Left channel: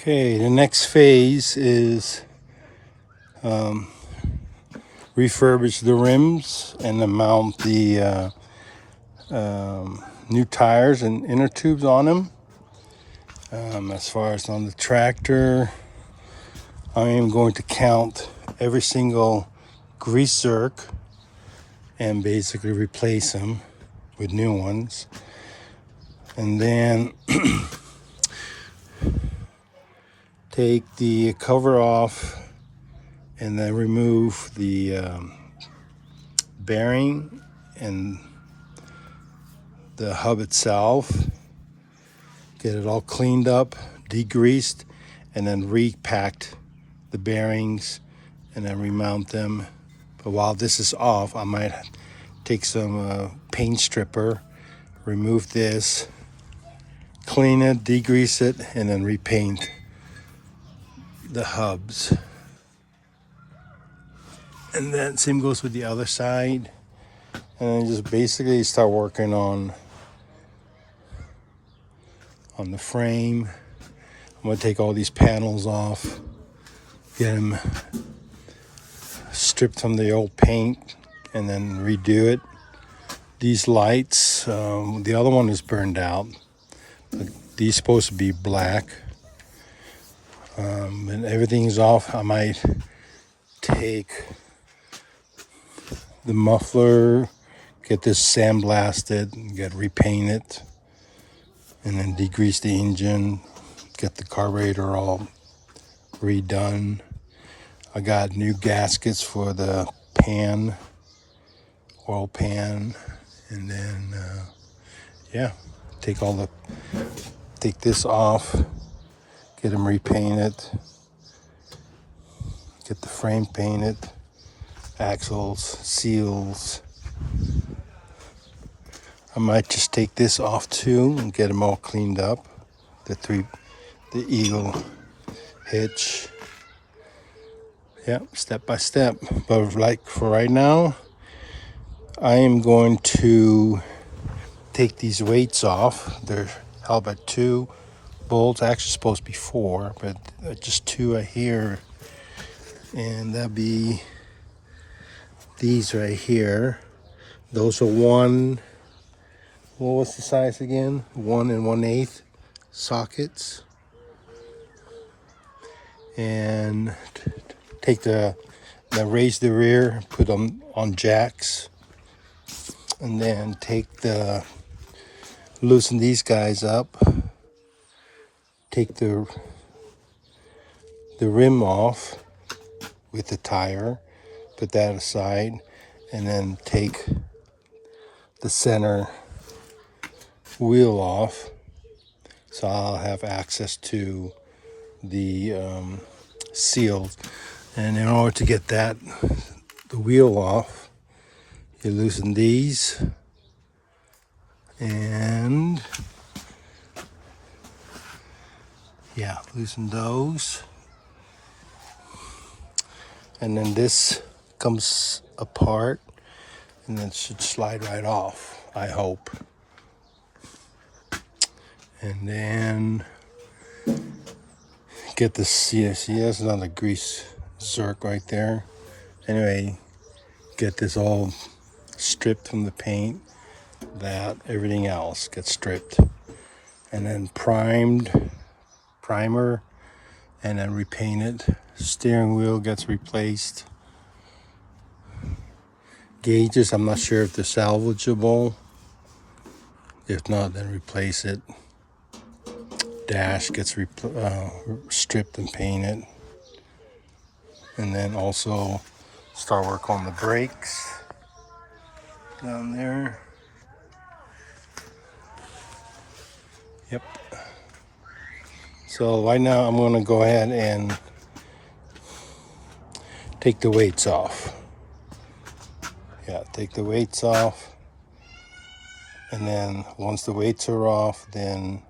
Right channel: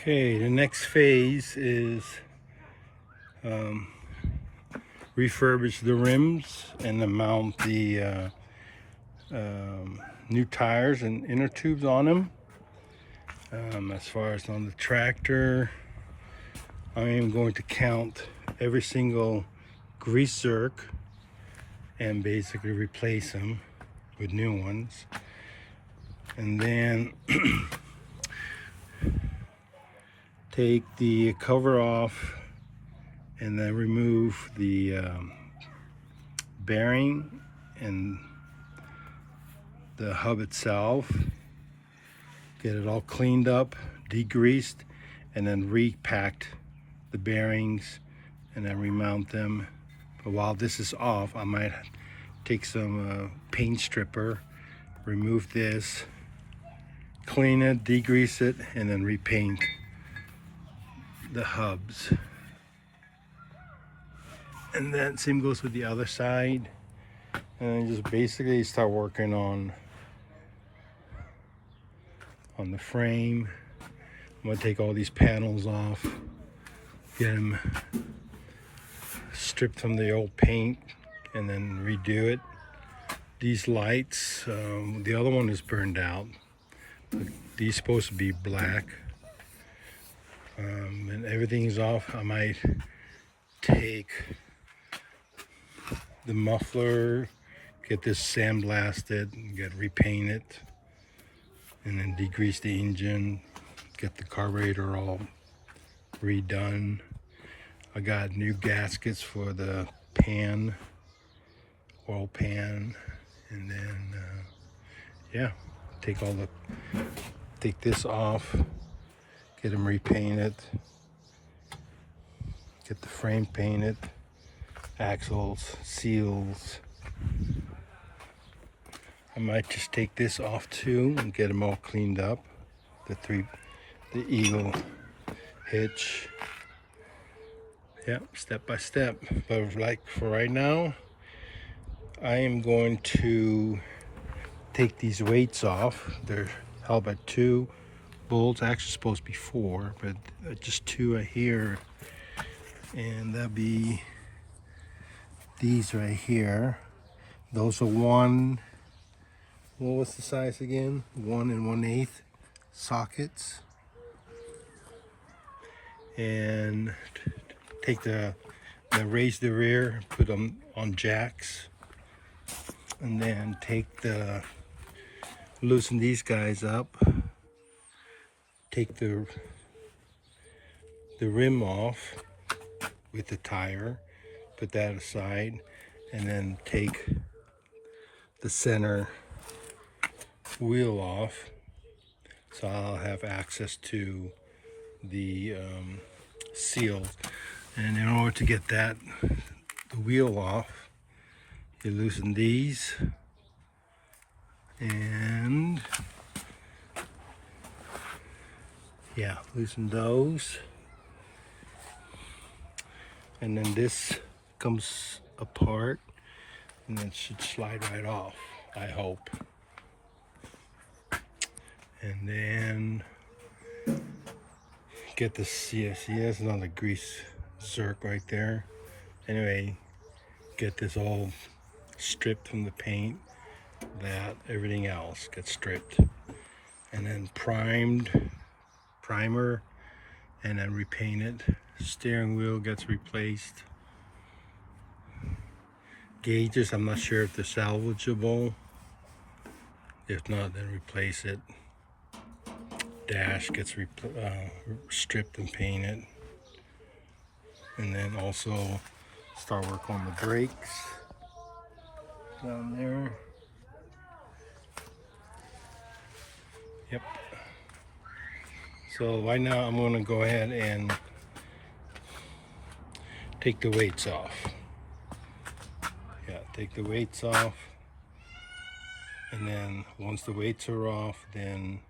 Okay, the next phase is refurbish the rims and then mount the new tires and inner tubes on them. As far as on the tractor, I am going to count every single grease zerk and basically replace them with new ones. And then take the cover off and then remove the bearing and the hub itself. Get it all cleaned up, degreased, and then repacked the bearings and then remount them. But while this is off, I might take some paint stripper, remove this, clean it, degrease it, and then repaint the hubs. And then same goes with the other side. And then just basically start working on the frame. I'm gonna take all these panels off, get them stripped from the old paint, and then redo it. These lights, the other one is burned out, but these supposed to be black. And everything's off. I might take the muffler, get this sandblasted, get repainted, and then degrease the engine, get the carburetor all redone. I got new gaskets for the pan, oil pan, and then yeah, take this off, get them repainted, get the frame painted, axles, seals. I might just take this off too and get them all cleaned up. The eagle hitch. Yeah, step by step. But like for right now, I am going to take these weights off. They're held by 2 bolts. Actually supposed to be 4, but just 2 are here. And that'll be these right here. Those are 1. What was the size again? 1 1/8 sockets. And take raise the rear, put them on jacks, and then loosen these guys up. Take the rim off with the tire, put that aside, and then take the center wheel off, so I'll have access to the seals. And in order to get the wheel off, you loosen these and yeah, loosen those, and then this comes apart and then should slide right off, I hope. And then get the CSC. That's another grease zerk right there. Anyway, get this all stripped from the paint. Everything else gets stripped, and then primer, and then repainted. Steering wheel gets replaced. Gauges, I'm not sure if they're salvageable. If not, then replace it. Dash gets stripped and painted. And then also start work on the brakes down there. Yep. So right now I'm going to go ahead and take the weights off. Yeah, take the weights off. And then once the weights are off, then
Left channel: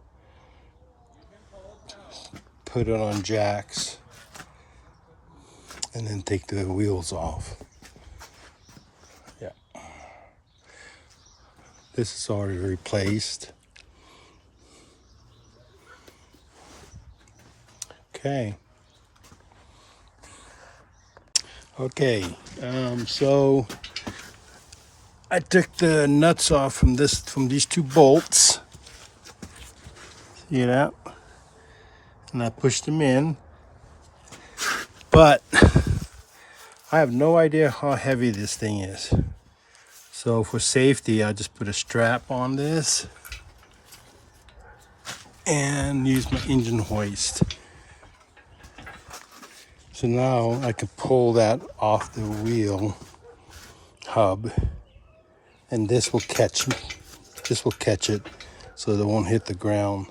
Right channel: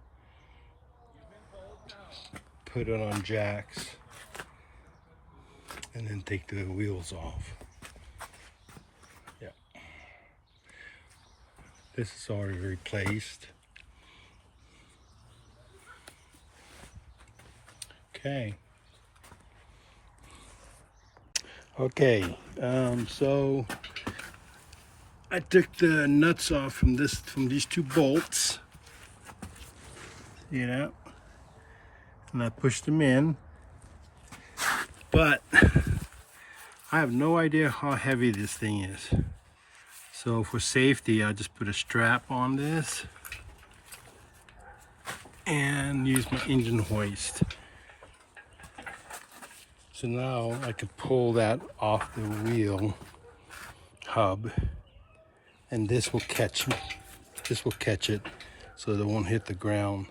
put it on jacks and then take the wheels off. Yeah. This is already replaced. Okay. Okay, so I took the nuts off from these two bolts. See that? And I pushed them in. But I have no idea how heavy this thing is. So for safety, I just put a strap on this and use my engine hoist. So now I can pull that off the wheel hub, and this will catch it so they won't hit the ground.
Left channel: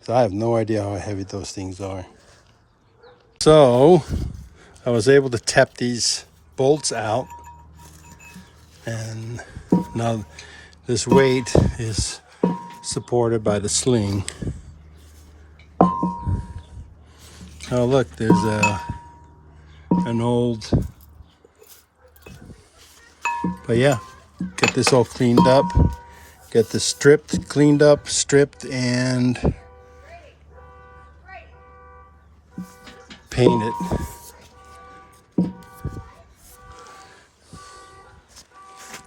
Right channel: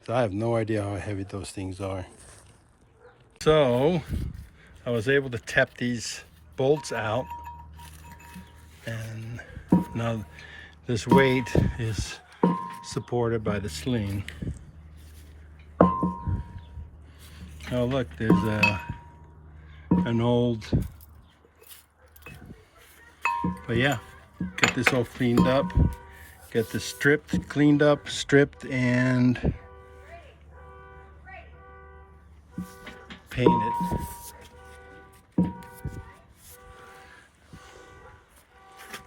So I have no idea how heavy those things are. So I was able to tap these bolts out, and now this weight is supported by the sling. Oh look, there's an old, but yeah, get this all cleaned up, get this cleaned up, stripped, and painted.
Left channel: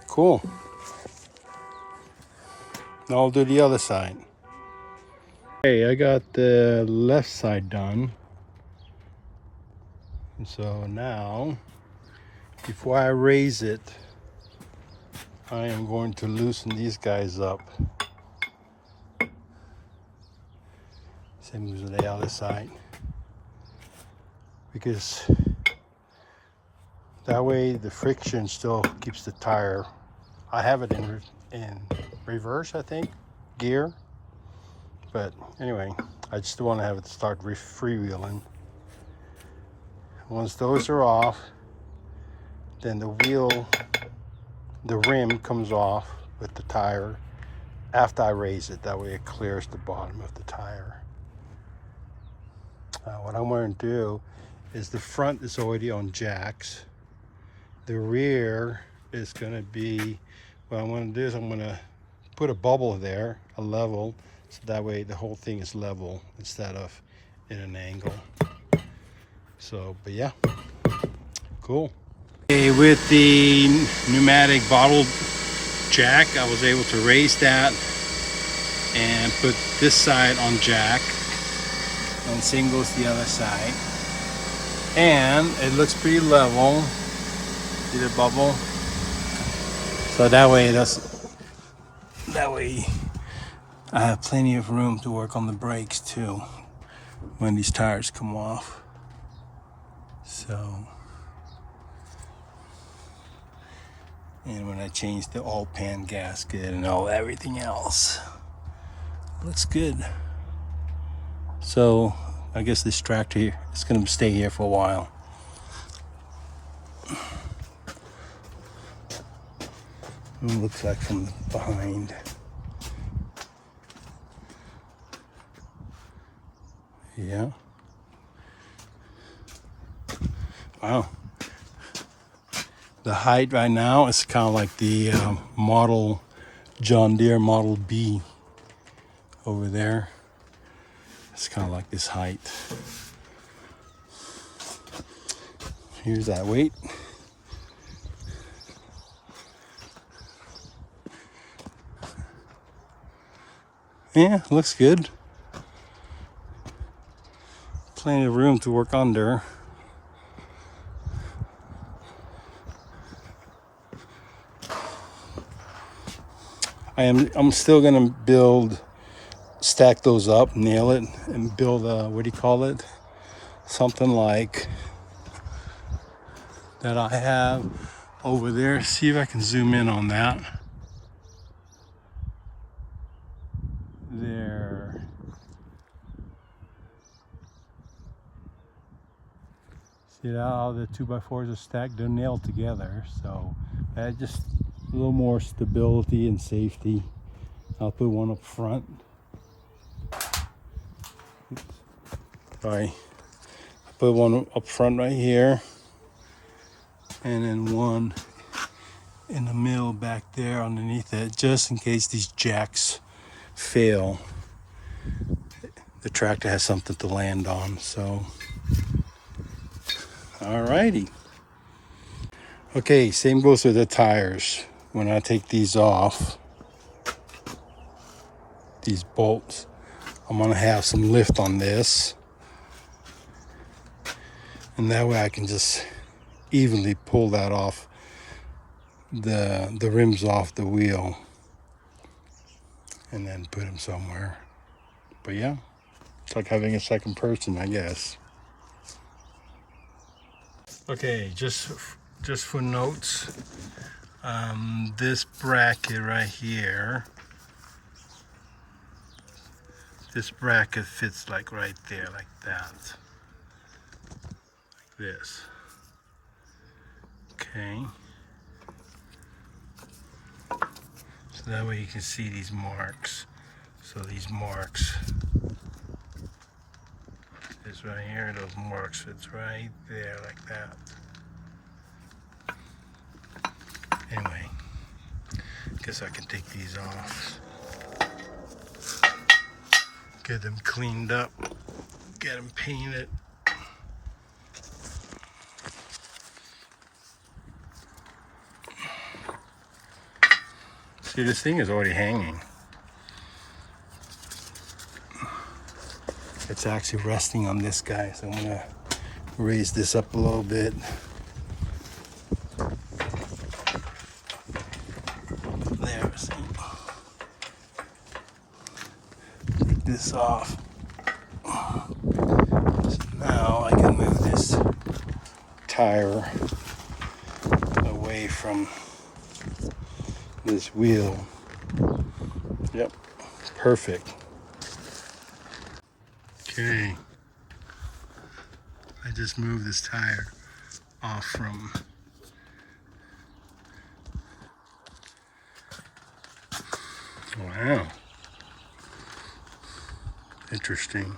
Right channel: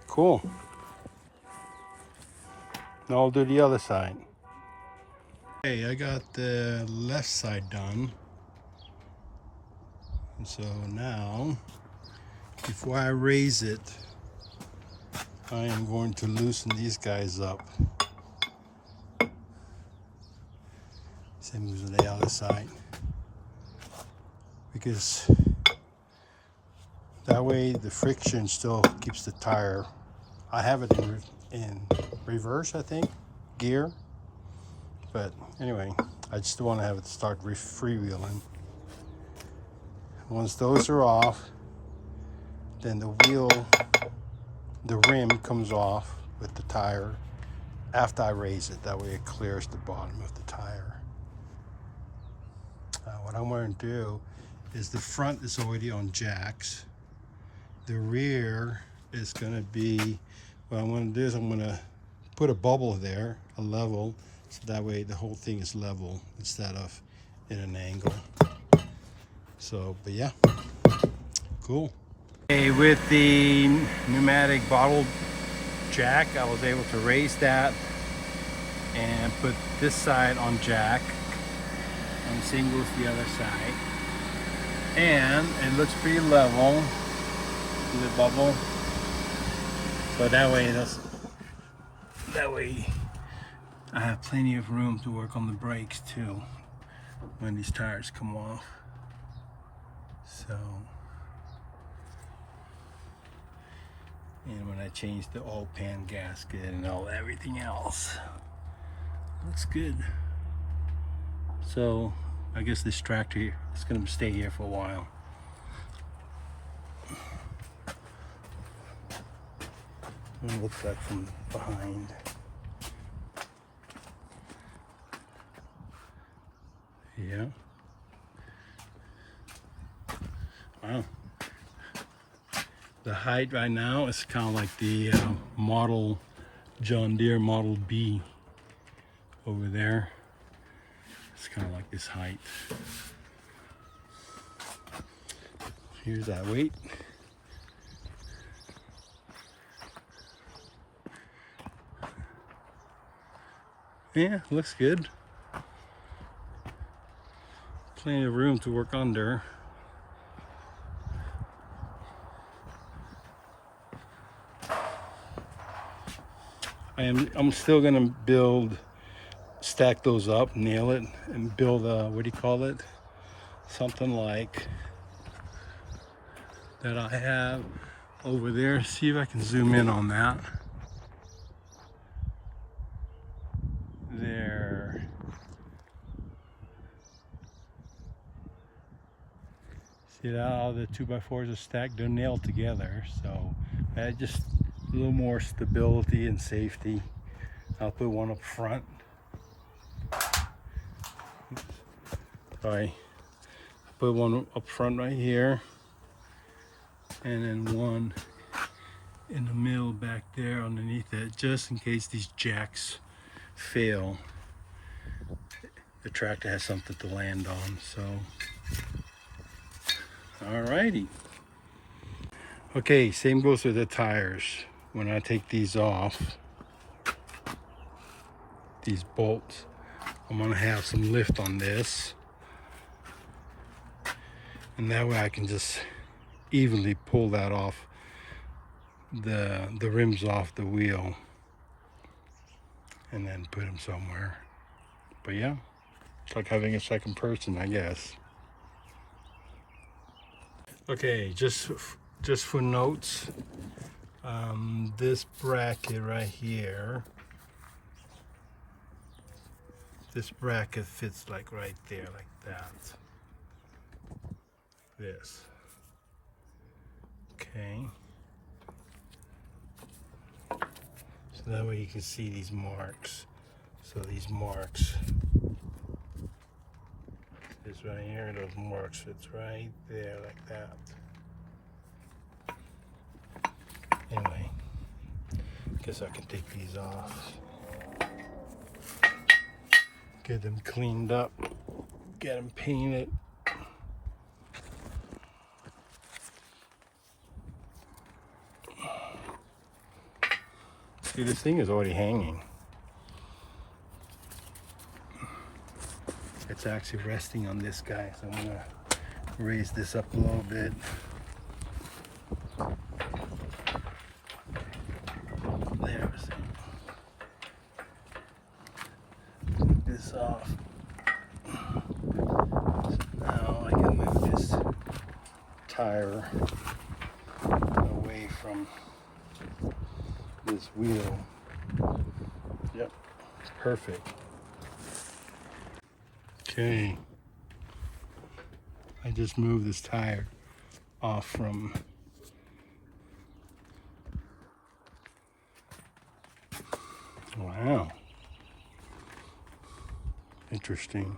Cool. Now I'll do the other side. Okay, I got the left side done. And so now, before I raise it, I am going to loosen these guys up. Same as the other side. Because that way the friction still keeps the tire. I have it in reverse, I think, gear. But anyway, I just want to have it start freewheeling. Once those are off, then the rim comes off with the tire after I raise it. That way it clears the bottom of the tire. What I'm going to do is the front is already on jacks. The rear is going to be, what I'm going to do is I'm going to put a bubble there, a level. That way the whole thing is level instead of in an angle. So, but yeah, cool. Okay, with the pneumatic bottle jack, I was able to raise that and put this side on jack, and same goes the other side. And it looks pretty level. See the bubble? So that way I have plenty of room to work on the brakes too when these tires come off. So, and when I change the oil pan gasket and everything else, looks good. So I guess this tractor is going to stay here for a while. It looks like from behind. Yeah. Wow. The height right now is kind of like the model John Deere Model B over there. It's kind of like this height. Here's that weight. Yeah, looks good. Plenty of room to work under. I'm still gonna stack those up, nail it, and build a, what do you call it? Something like that I have over there. See if I can zoom in on that. There. See how the 2x4s are stacked? They're nailed together, so I just a little more stability and safety. I'll put one up front. Sorry. I'll put one up front right here, and then one in the middle back there underneath it, just in case these jacks fail. the tractor has something to land on. So, alrighty. Okay, same goes with the tires. When I take these off, these bolts, I'm gonna have some lift on this, and that way I can just evenly pull that off, the rims off the wheel, and then put them somewhere. But yeah, it's like having a second person, I guess. Okay, just for notes, this bracket right here, this bracket fits like right there, like that, like this. Okay, so that way you can see these marks. So these marks, this right here, those marks fits right there, like that. Anyway, guess I can take these off, get them cleaned up, get them painted. See, this thing is already hanging. It's actually resting on this guy, so I'm gonna raise this up a little bit. There, see. Take this off. So now I can move this tire away from this wheel. Yep, perfect. Okay, I just moved this tire off from wow, interesting.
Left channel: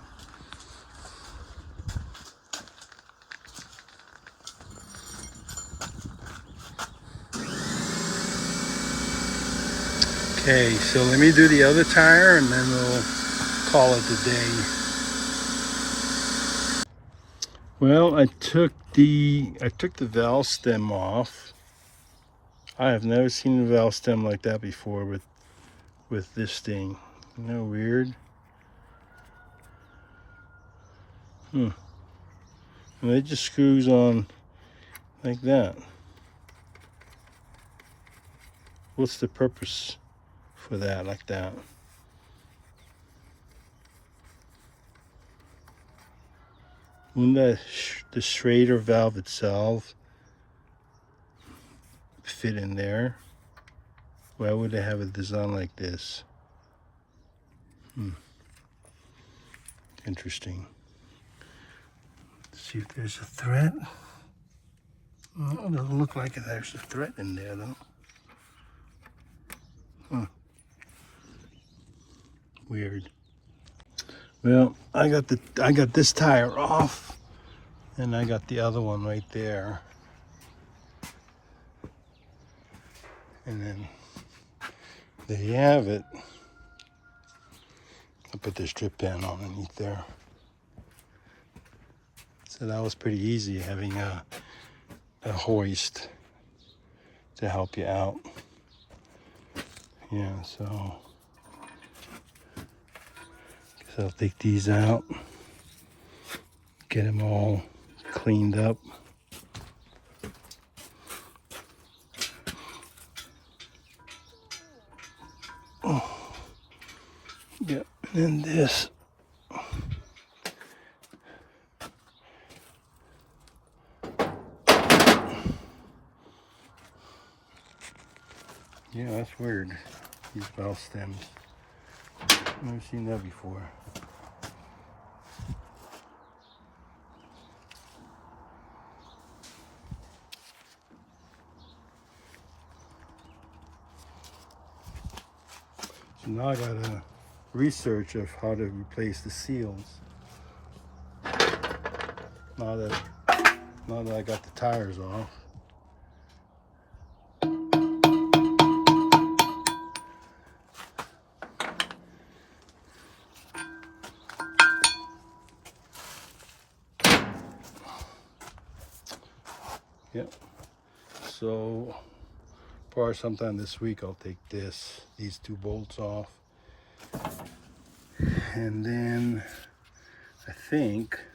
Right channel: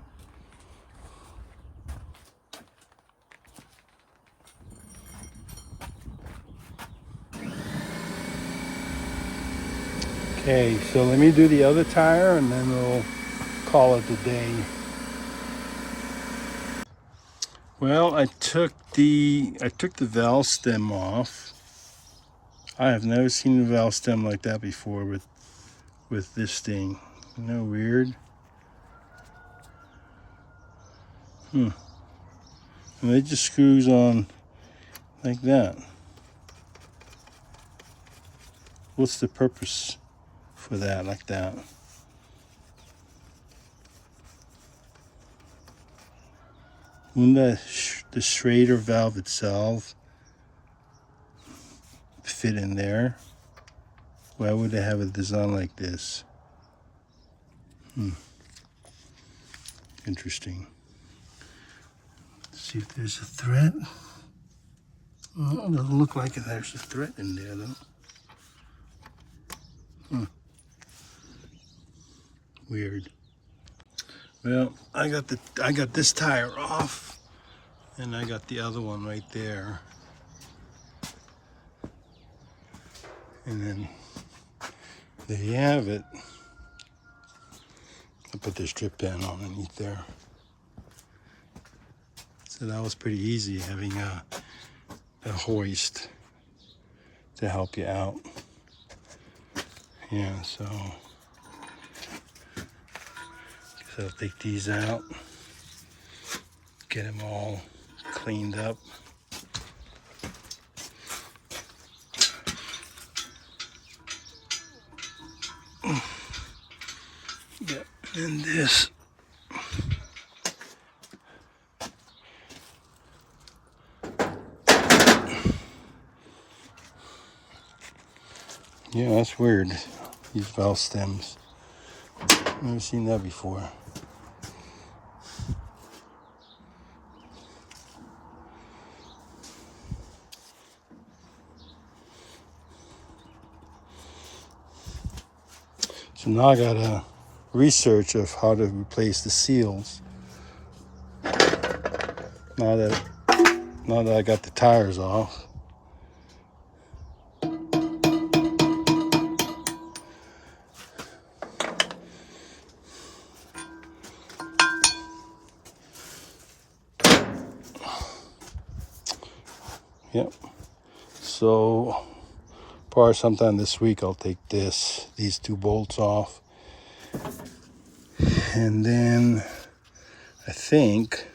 Okay, so let me do the other tire and then we'll call it a day. Well, I took the valve stem off. I have never seen a valve stem like that before with this thing. Isn't that weird? And it just screws on like that. What's the purpose for that, like that? Wouldn't the Schrader valve itself fit in there? Why would they have a design like this? Interesting. Let's see if there's a thread. Well, it doesn't look like there's a thread in there though. Weird. Well, I got this tire off, and I got the other one right there. And then there you have it. I put this strip pan underneath there. So that was pretty easy, having a hoist to help you out. Yeah, so I'll take these out, get them all cleaned up. Yeah, and this. Yeah, that's weird. These valve stems. Never seen that before. So now I gotta research of how to replace the seals. Now that I got the tires off. Yep. So probably sometime this week I'll take these two bolts off. And then I think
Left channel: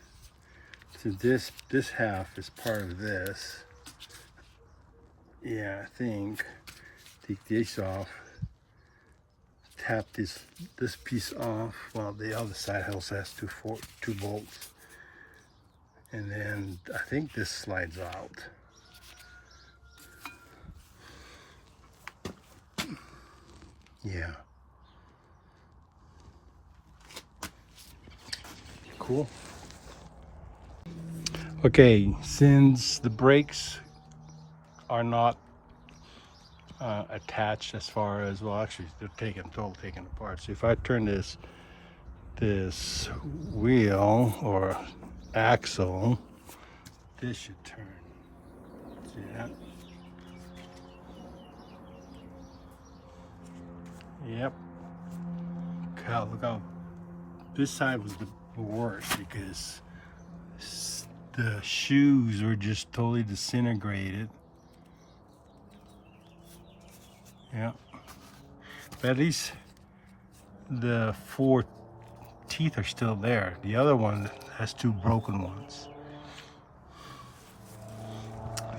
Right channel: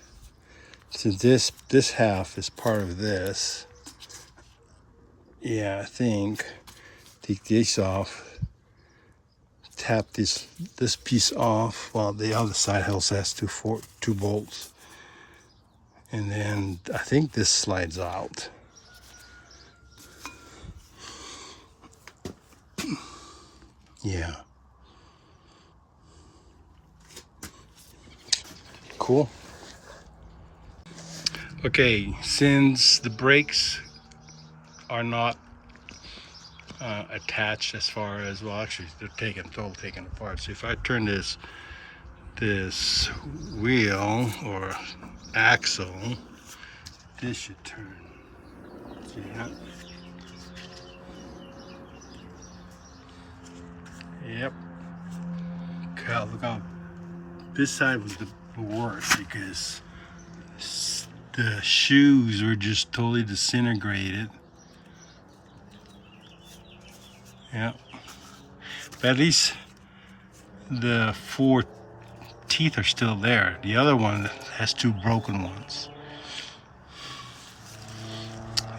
since this half is part of this, yeah, I think take this off, tap this piece off while the other side also has two bolts. And then I think this slides out. Yeah. Cool. Okay, since the brakes are not attached as far as, well, actually they're taken apart. So if I turn this wheel or axle, this should turn. See that? Yep. Okay, look how this side was the worst because the shoes were just totally disintegrated. Yeah. But at least the 4 teeth are still there. The other one has 2 broken ones.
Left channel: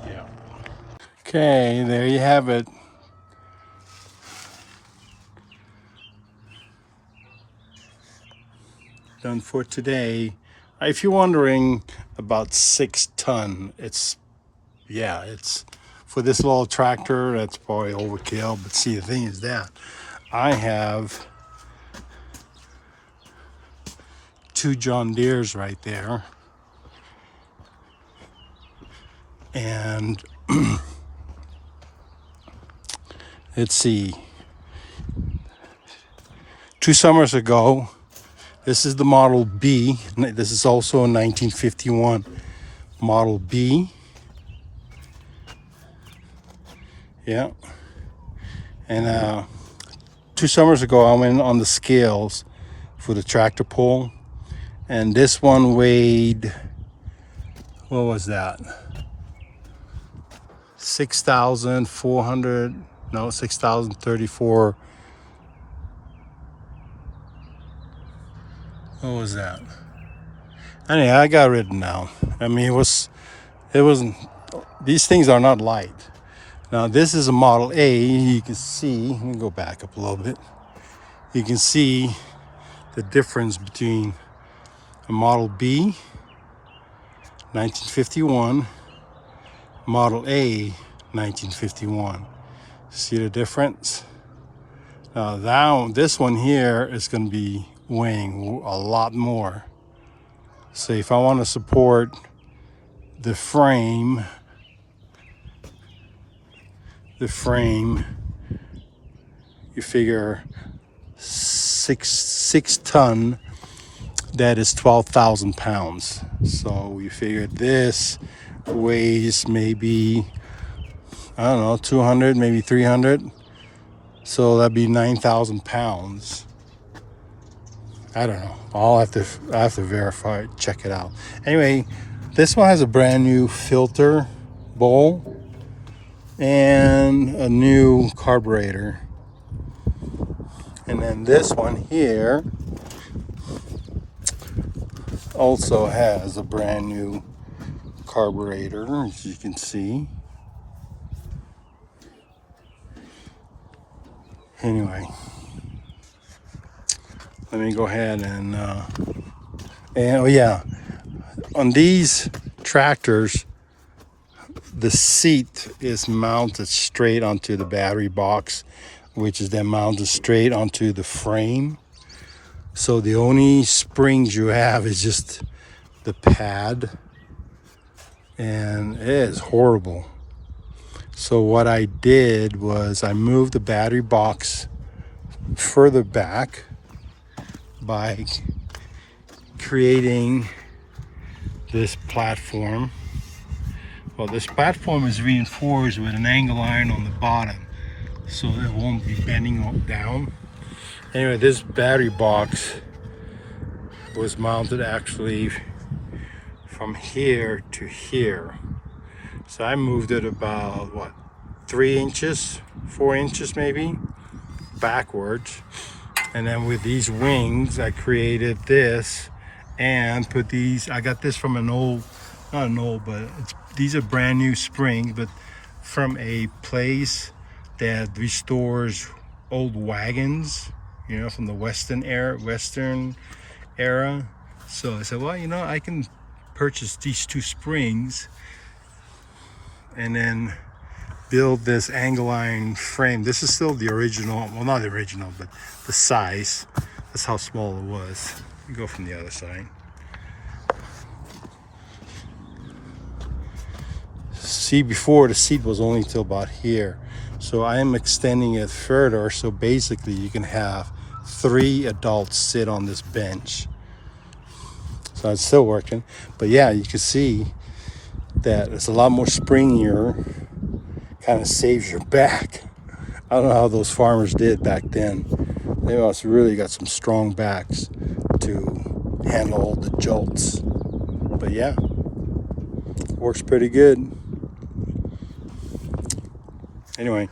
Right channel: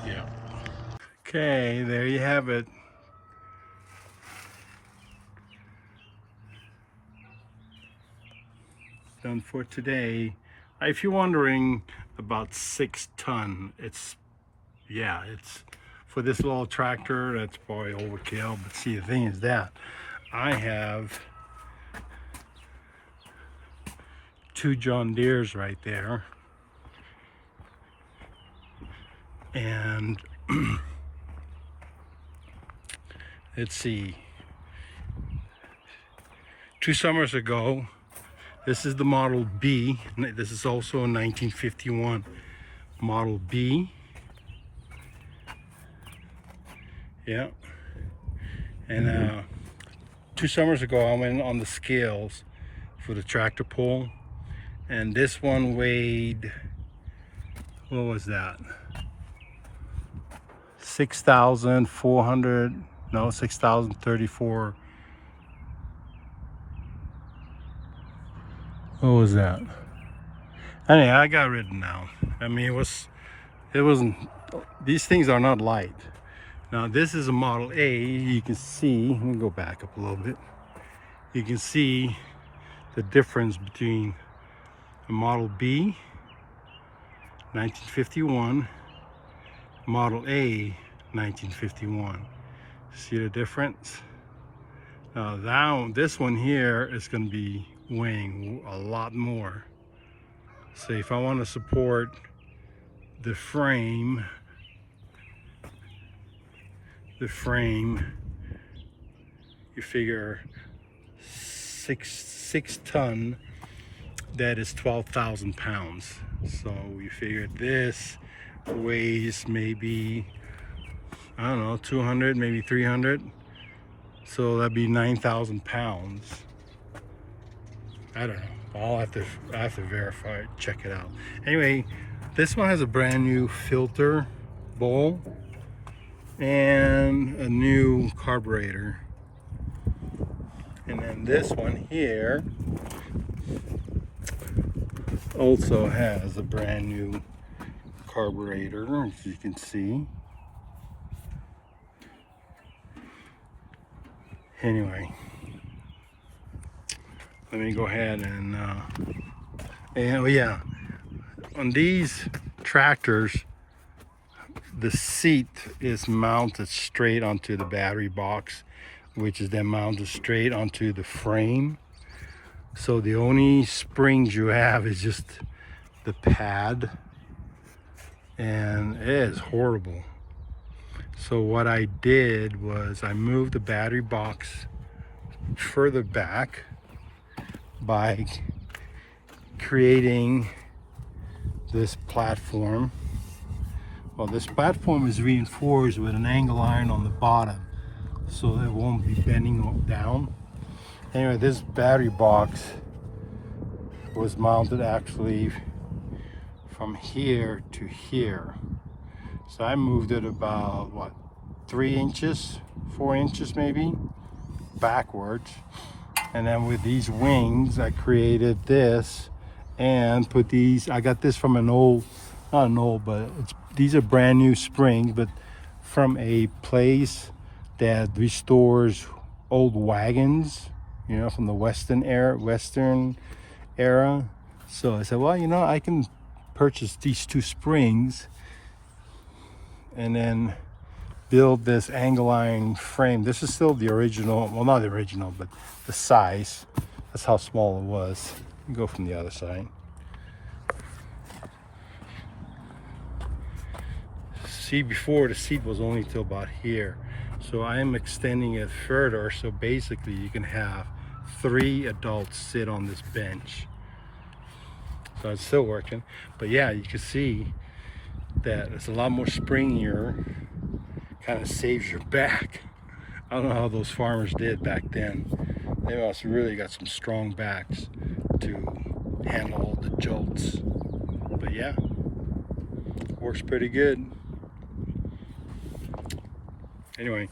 Yeah. Okay, there you have it. Done for today. If you're wondering, about 6 ton. It's for this little tractor, that's probably overkill. But see, the thing is that I have 2 John Deeres right there. And let's see, 2 summers ago, this is the Model B. This is also a 1951 Model B. Yeah. And 2 summers ago, I went on the scales for the tractor pull. And this one weighed, what was that? 6,400, no, 6,034. What was that? Anyway, I got rid of it now. I mean, it wasn't, these things are not light. Now, this is a Model A. You can see, let me go back up a little bit. You can see the difference between a Model B, 1951, Model A, 1951. See the difference? Now, this one here is going to be weighing a lot more. So if I want to support the frame, you figure 6 ton, that is 12,000 pounds. So you figure this weighs maybe, I don't know, 200, maybe 300. So that'd be 9,000 pounds. I don't know. I have to verify, check it out. Anyway, this one has a brand new filter bowl and a new carburetor. And then this one here also has a brand new carburetor, as you can see. Anyway, let me go ahead and oh yeah, on these tractors, the seat is mounted straight onto the battery box, which is then mounted straight onto the frame. So the only springs you have is just the pad, and it is horrible. So what I did was I moved the battery box further back by creating this platform. Well, this platform is reinforced with an angle iron on the bottom, so it won't be bending down. Anyway, this battery box was mounted actually from here to here. So I moved it about, what, 3 inches, 4 inches maybe, backwards. And then with these wings, I created this and put these, I got this from an old, not an old, but these are brand new springs, but from a place that restores old wagons, you know, from the Western era. So I said, well, you know, I can purchase these 2 springs and then build this angle iron frame. This is still the original, well, not the original, but the size. That's how small it was. Go from the other side. See, before the seat was only till about here, so I am extending it further, so basically you can have 3 adults sit on this bench. So it's still working, but yeah, you can see that it's a lot more springier, kind of saves your back. I don't know how those farmers did back then. They must really got some strong backs to handle all the jolts. But yeah, works pretty good. Anyway.